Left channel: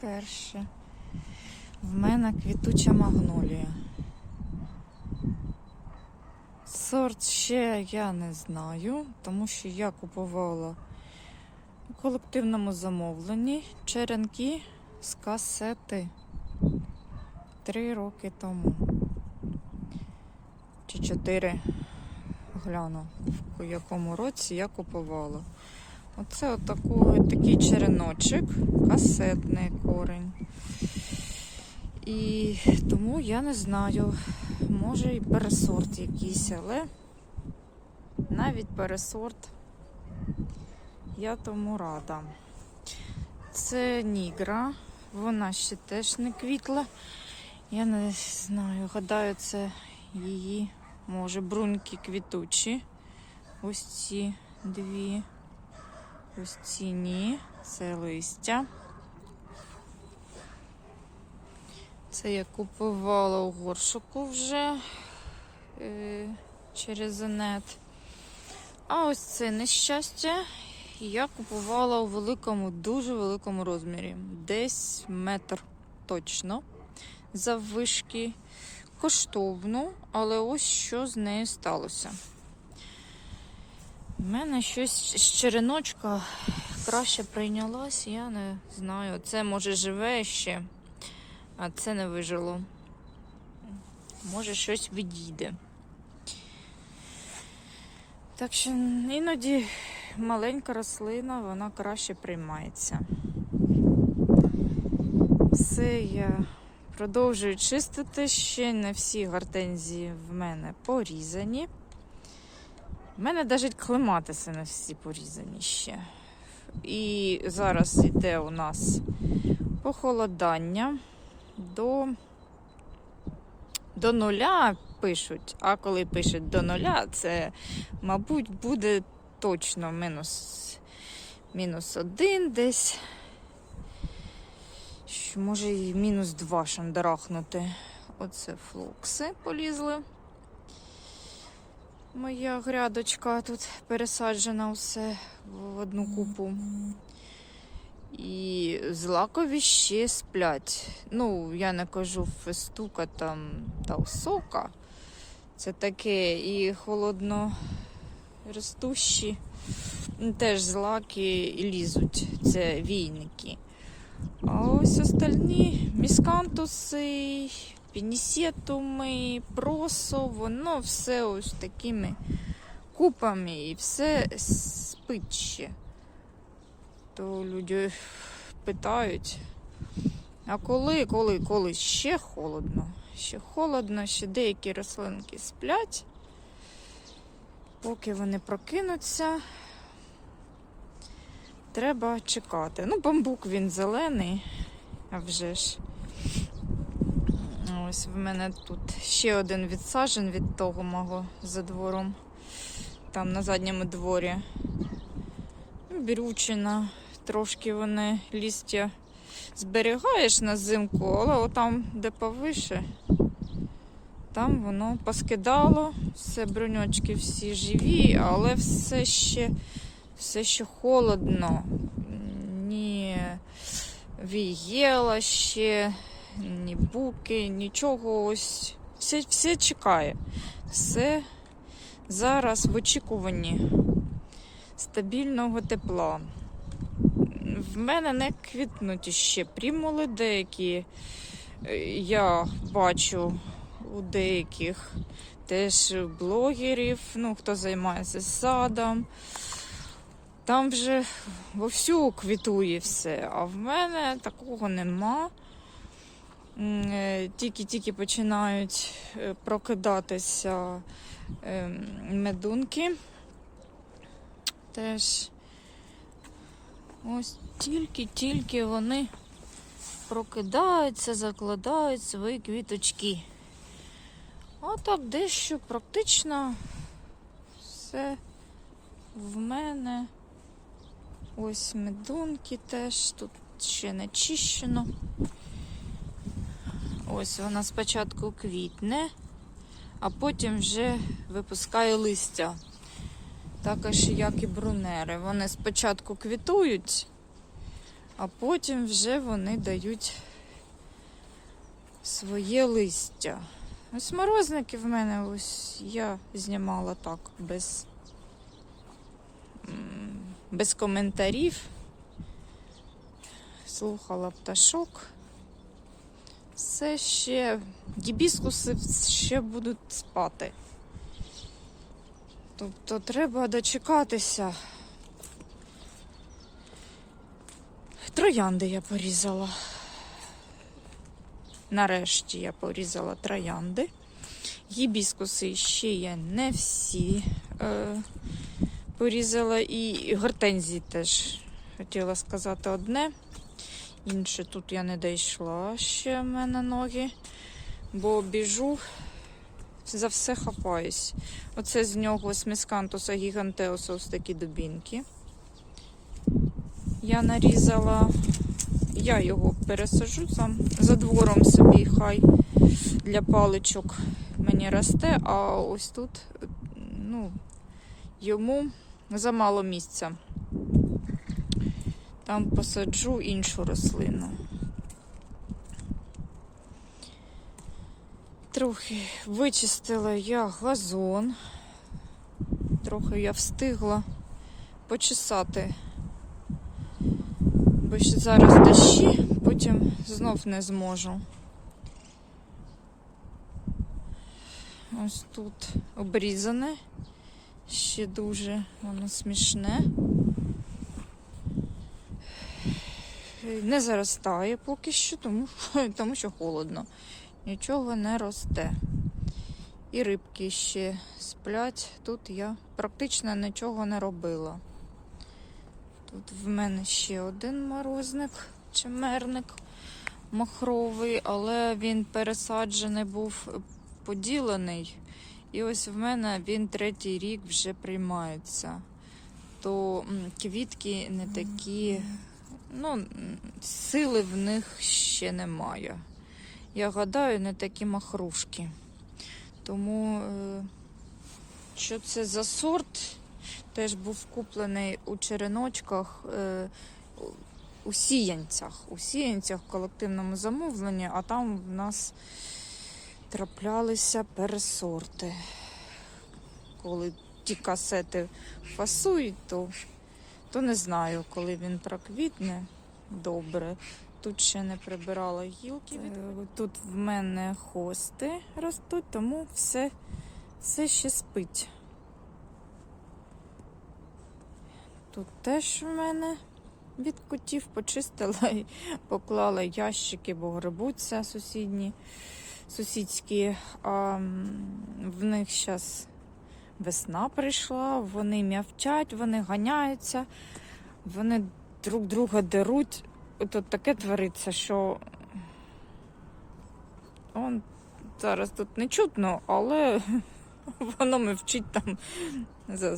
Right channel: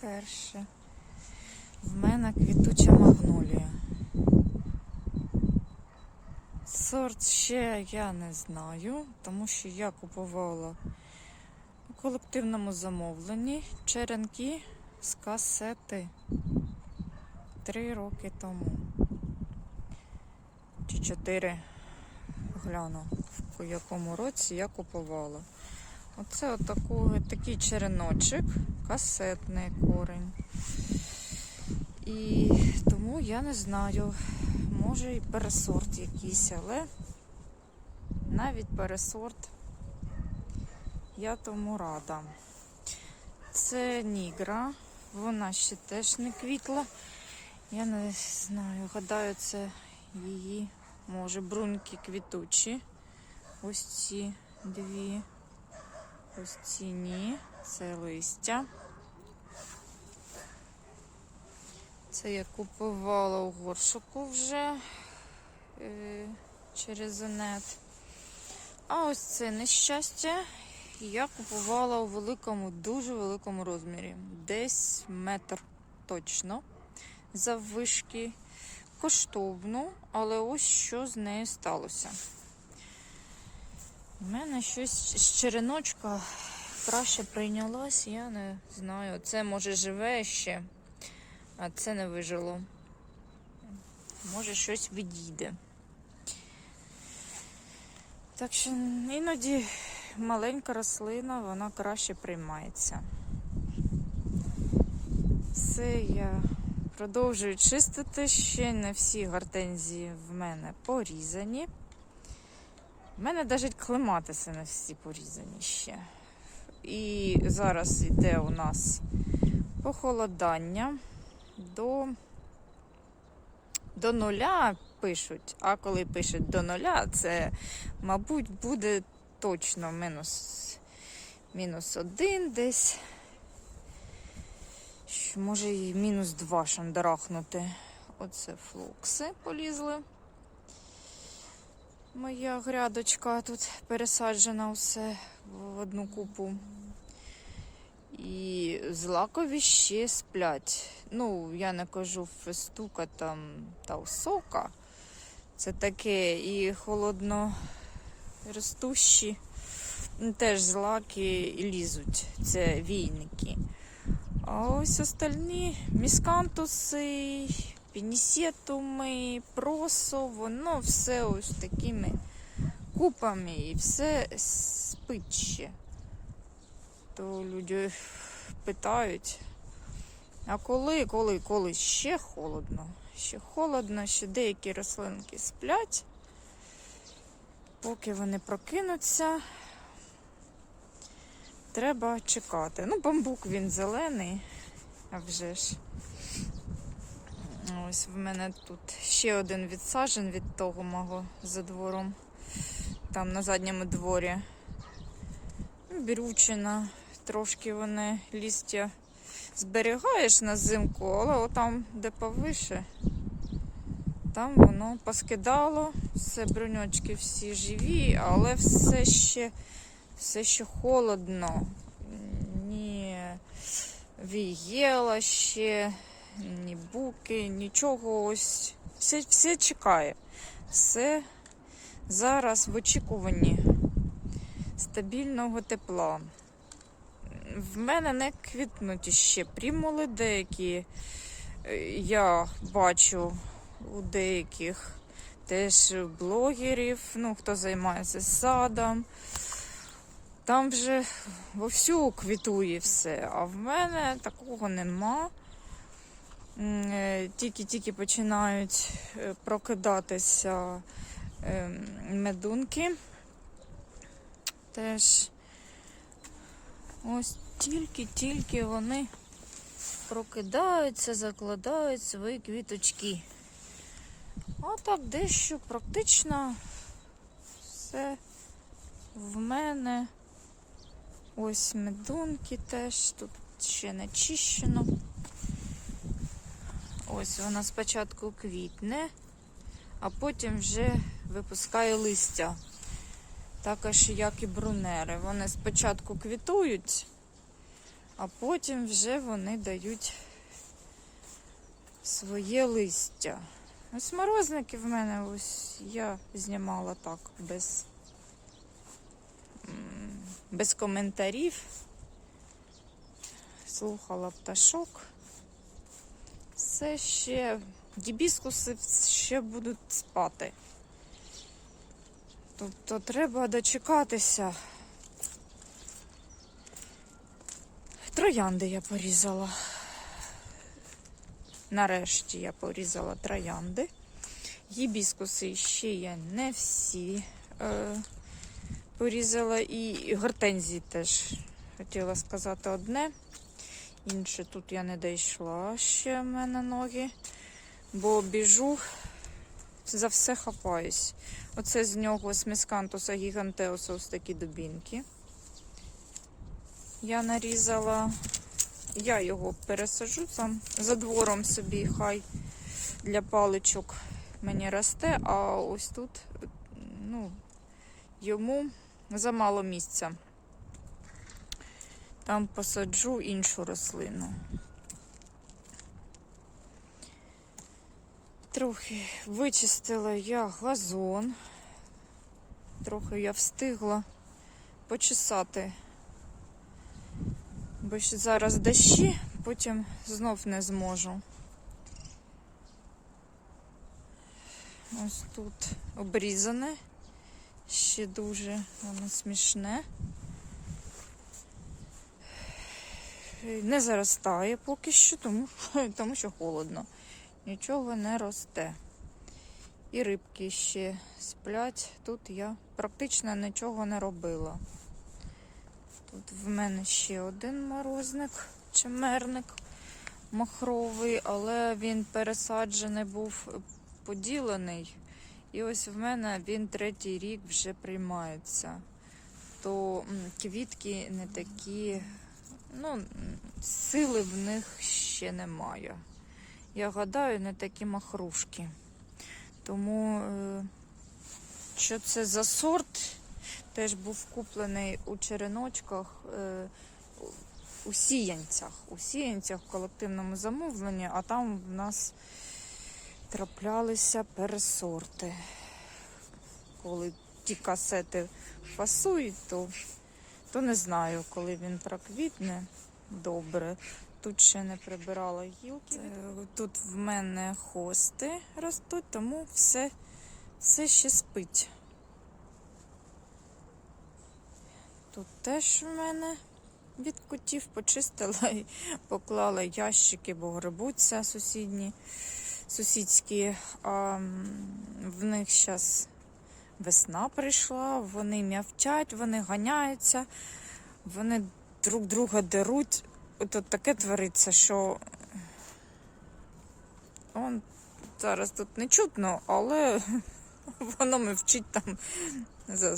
перше. В мене квітуча магнолія. Сорт ще я не знаю, тому що я купувала у колективному замовленні черенки з касети три роки тому. Чи чотири гляну, в якому році я купувала. Оце отаку, такий череночок, касетний корень. І тому я не знаю, може і пересорт якийсь, але навіть пересорт я тому рада. Це нігра, вона ще теж не квітла. Я не знаю, гадаю, це її, може, бруньки квітучі. Ось ці дві. Ось ці це листя. Це я купувала у горшику вже е, через інет. А ось це нещастя. Я купувала у великому, дуже великому розмірі. Десь метр точно. Заввишки. Коштовну, але ось що з нею сталося. У мене щось з череночка краще прийнялось, я не знаю. Це може живе ще, а це не вижило. Може щось відійде. Так що іноді маленька рослина, вона краще приймається. Все я продовжую чистити. Ще не всі гортензії в мене порізані. У мене навіть клематиси не всі порізані ще. І зараз йде у нас похолодання до, до нуля пишуть. А коли пишуть до нуля, це, мабуть, буде точно мінус, мінус один десь. Може і мінус два шандарахнути. Оце флокси полізли. Моя грядочка тут пересаджена все в одну купу. І злакові ще сплять. Ну, я не кажу фестука там та осока. Це таке і холодно ростущі. Теж злаки лізуть. Це війники. А ось остальні міскантуси, пінісетуми, просо, воно все ось такими купами і все спить ще. То люди питають, а коли, коли, коли ще холодно, ще холодно, ще деякі рослинки сплять, поки вони прокинуться, треба чекати. Ну, бамбук він зелений, а вже ж. Ось в мене тут ще один відсажен від того мого за двором. Там на задньому дворі. Бірючина. Трошки вони лістя зберігаєш на зимку, але отам, де повише, там воно поскидало. Все бруньочки всі живі, але все ще, все ще холодно. Ні вієла ще ні буки, нічого ось. Все, все чекає. Все зараз в очікуванні стабільного тепла. В мене не квітнуть ще примули деякі. Е, Я бачу у деяких теж блогерів, ну, хто займається садом. Там вже вовсю квітує все, а в мене такого нема. М, е, Тільки-тільки починають е, прокидатися е, медунки. Теж ось тільки-тільки вони прокидаються, закладають свої квіточки. А так дещо практично все в мене. Ось медунки теж, тут ще не чищено. Ось вона спочатку квітне, а потім вже випускає листя. Також як і брунери. Вони спочатку квітують, а потім вже вони дають своє листя. Ось морозники в мене ось я знімала так без, без коментарів. Слухала пташок. Все ще гібіскуси ще будуть спати. Тобто треба дочекатися. Троянди я порізала. Нарешті я порізала троянди. Гібіскуси ще я не всі е, порізала. І гортензії теж хотіла сказати одне. Інше тут я не дійшла ще в мене ноги, бо біжу, за все хапаюсь. Оце з нього мескантуса гігантеуса ось такі дубінки. Я нарізала, я його пересажу сам за двором собі, хай для паличок мені росте, а ось тут ну, йому замало місця. Там посаджу іншу рослину. Трохи вичистила я газон. Трохи я встигла почесати. Бо ще зараз дощі, потім знов не зможу. Ось тут обрізане. Ще дуже воно смішне. Не заростає поки що, тому, тому що холодно. Нічого не росте. І рибки ще сплять. Тут я практично нічого не робила. Тут в мене ще один морозник, чимерник махровий, але він пересаджений був поділений. І ось в мене він третій рік вже приймається. То квітки не такі, ну, сили в них ще немає. Я гадаю, не такі махрушки. Тому, е, що це за сорт, теж був куплений у череночках, е, у- у сіянцях. У сіянцях в колективному замовленні, а там в нас траплялися пересорти. Коли ті касети фасують, то, то не знаю, коли він проквітне добре. Тут ще не прибирала гілки. Е, Тут в мене хости ростуть, тому все, все ще спить. Тут теж в мене від котів почистила і поклала ящики, бо грибуться сусідні, сусідські. А в них зараз весна прийшла, вони м'явчать, вони ганяються, вони друг друга деруть. Тут таке твориться, що он зараз тут не чутно, але воно мовчить там за,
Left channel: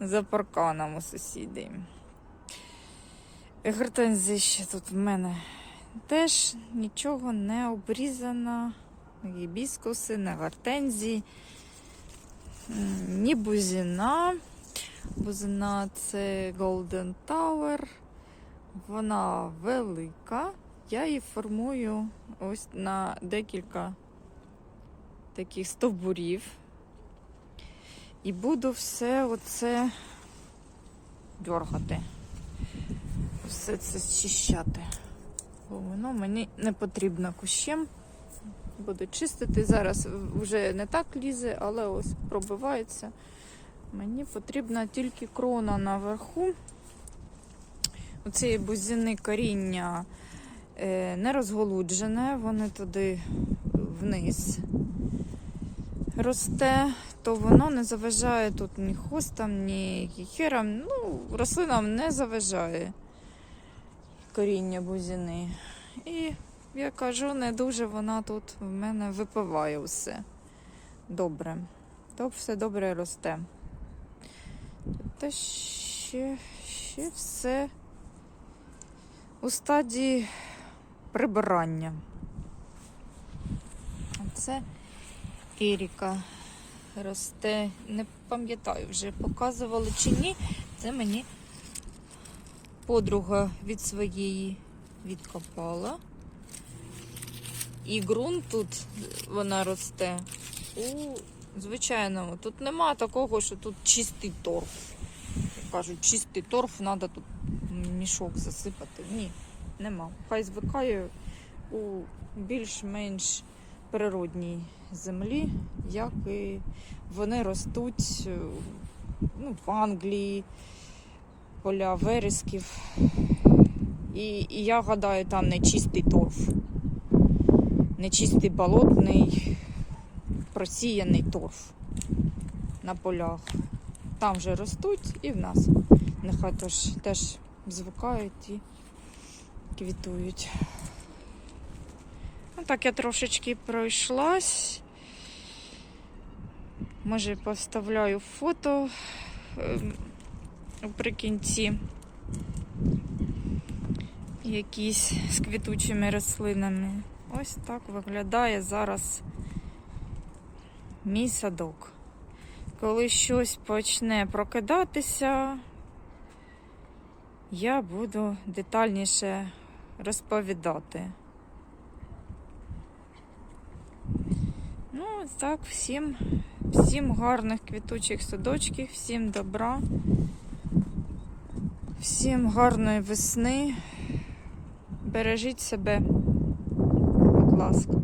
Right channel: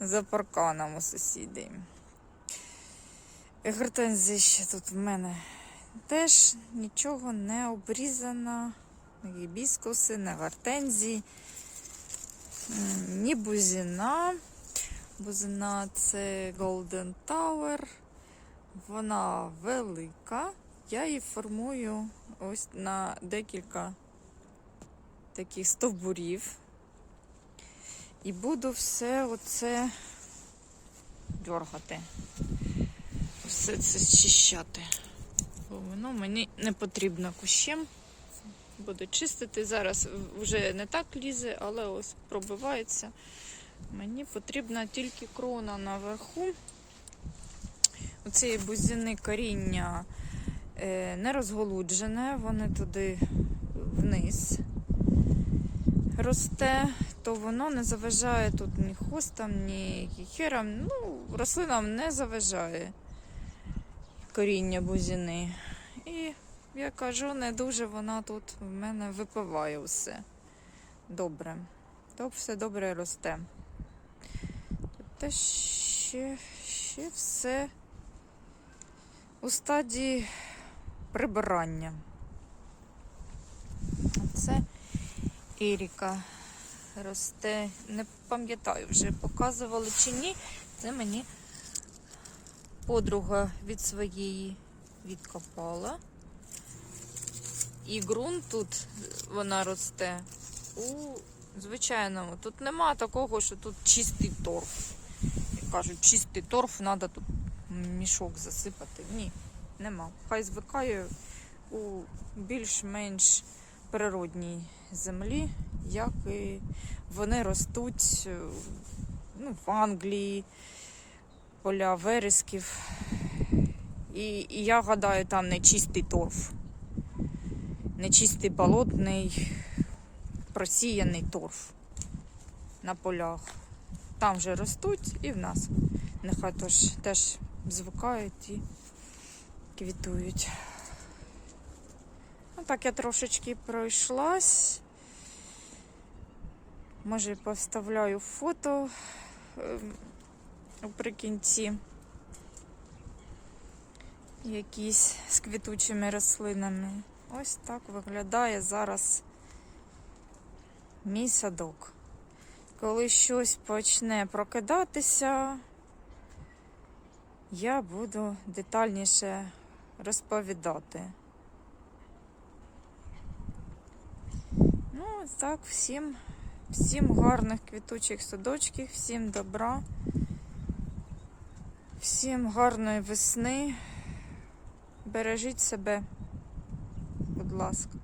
за парканом у сусідів. Гортензії ще тут в мене теж нічого не обрізано. Гібіскуси, не гортензії, ні бузина. Бузина це Golden Tower. Вона велика. Я її формую ось на декілька таких стовбурів. І буду все оце дергати. Все це зчищати. Бо воно мені не потрібно кущем. Буду чистити. Зараз вже не так лізе, але ось пробивається. Мені потрібна тільки крона наверху. Оцієї бузини коріння е, не розголуджене, вони туди вниз росте, то воно не заважає тут ні хостам, ні хіхерам. Ну, рослинам не заважає коріння бузини. І я кажу, не дуже вона тут в мене випиває все добре. То все добре росте. Та ще, ще все у стадії прибирання. Це Еріка росте. Не пам'ятаю вже, показували чи ні. Це мені подруга від своєї відкопала. І ґрунт тут вона росте у звичайному. Тут нема такого, що тут чистий торф. Як кажуть, чистий торф, треба тут мішок засипати. Ні, нема. Хай звикає у більш-менш природній землі, як і вони ростуть е, ну, в Англії, поля вересків. І, і я гадаю, там не чистий торф, не чистий болотний, просіяний торф на полях. Там вже ростуть і в нас. Нехай тож теж звикають і квітують. Ну, так я трошечки пройшлась. Може, поставляю фото ем, наприкінці. Якісь з квітучими рослинами. Ось так виглядає зараз мій садок. Коли щось почне прокидатися, я буду детальніше розповідати. Ну, так, всім, всім гарних квітучих садочків, всім добра, всім гарної весни. Бережіть себе, ласка.